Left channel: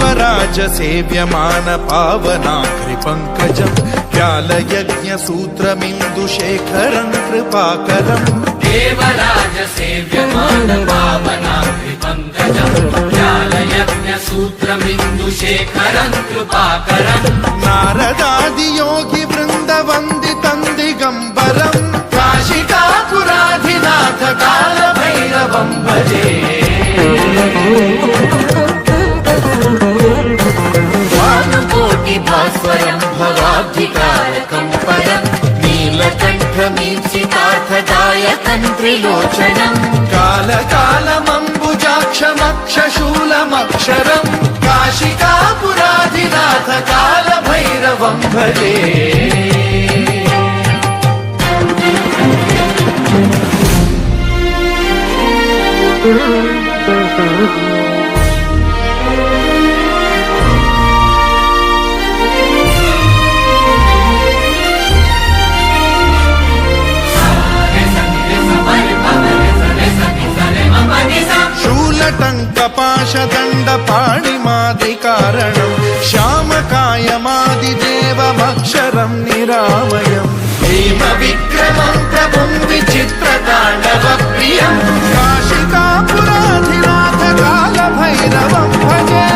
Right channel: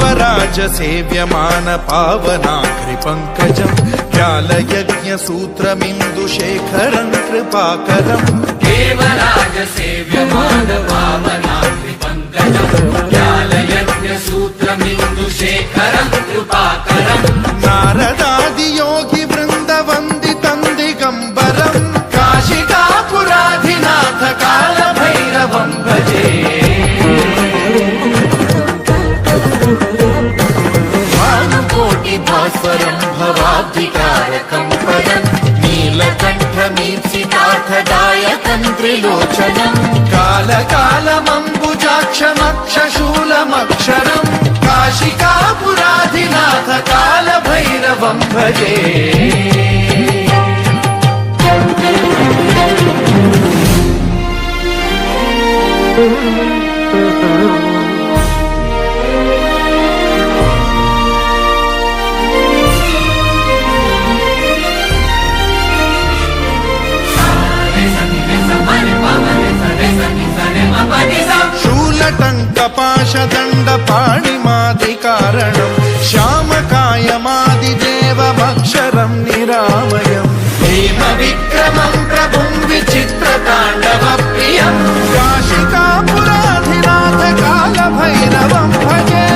देवराज सेव्यमान पावनाग्रिपङ्कजम् व्यालयज्ञसूत्रमिन्दुशेखरम् कृपाकरम् देवराज सेव्यमान पावनाग्रिपङ्कजम् व्यालयज्ञसूत्रमिन्दुशेखरम् कृपाकरम् नारदादियोगि वृन्दवन्दितम् दिगम्बरम् काशिकापुराधिनाथ कालभैरवम् भजे भास्वरम् भवाब्धितारकम् परम् नीलकण्ठमीर्षितार्थदायकम् त्रिलोचनम् कालकालमम्बुजाक्षमक्षशूलमक्षरम् काशिकापुराधिनाथ कालभैरवम् भजे टङ्कपाशदण्डपाणिमादिकारणम् श्यामकायमादिदेवमक्षरम् निरामयम् हेमविक्रमम् प्रभुम् विचित्रताण्डवप्रियम् काशिकापुराधिनाथ कालभैरवम् भजे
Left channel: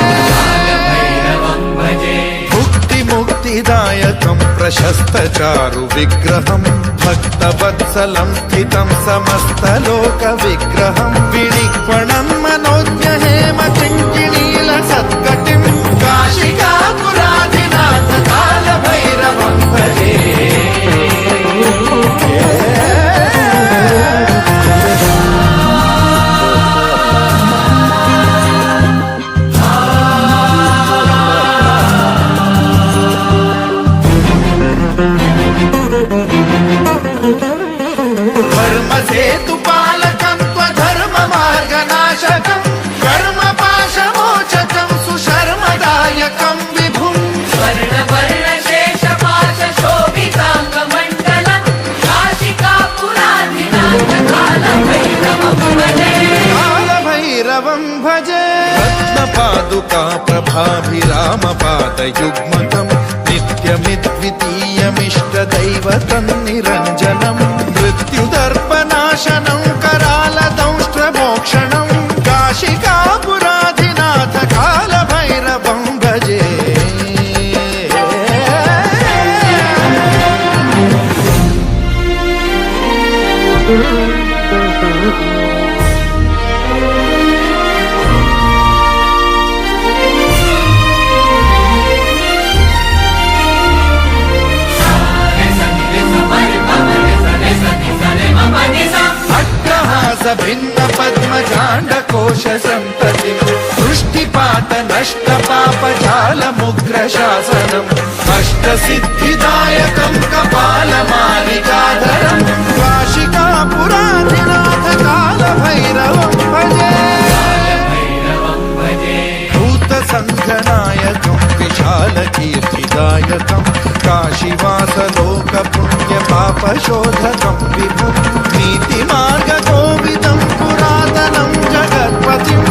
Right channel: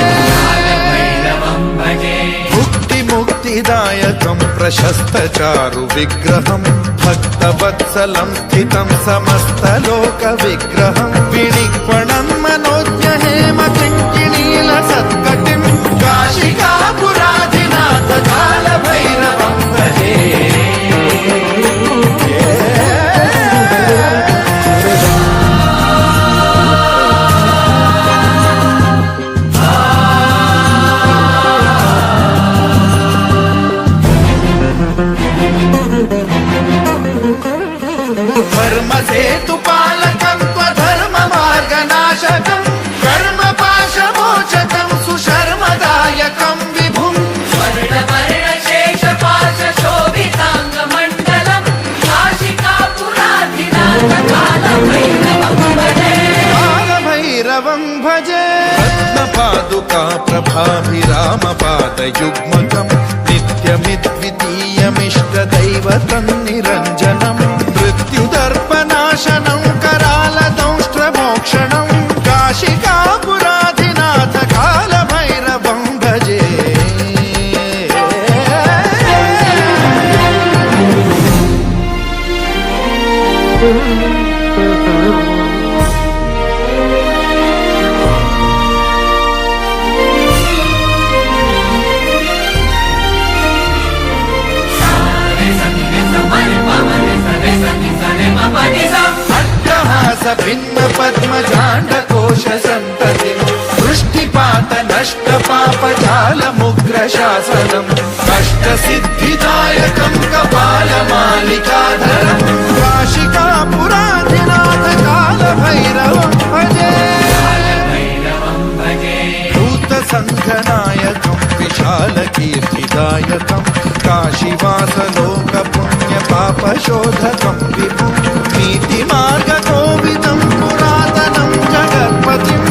मुक्तिदायकम् प्रशस्तचारु विग्रहम् भक्तवत्सलम् स्थितम् समस्तलोकविग्रहम् विनिक्वणम् मनोज्ञ हेम किङ्किणील सत्कटिम् काशिकापुराधिनाथ कालभैरवम् भजे धर्मसेतुपालकम् त्वधर्ममार्गनाशकम् कर्मपाशमोचकम् सुशर्मदायकम् विभुम् कालभैरवम् भजे रत्नपादुका प्रभाभिरामपादयुग्मकम् नित्यमिद्वितीयमिष्टदैवतम् निरञ्जनम् मृत्युदर्पनाशनम् करालदंष्ट्रमोक्षणम् काशिकापुराधिनाथ कालभैरवम् भजे भिन्न पद्मजाण्डकोश सन्ततिम् दृष्टिपात नष्ट पापजालमुग्र शासनम् अष्टसिद्धिदायकम् कपालमालिकाधरम् काशिकापुराधिनाथ कालभैरवम् भजे भूतसङ्घनायकम् विशालकीर्तिदायकम् काशीवासलोकपुण्यपापशोधकम् विभुम् नीतिमार्गकोविदम् पुरातनम् जगत्पतिम्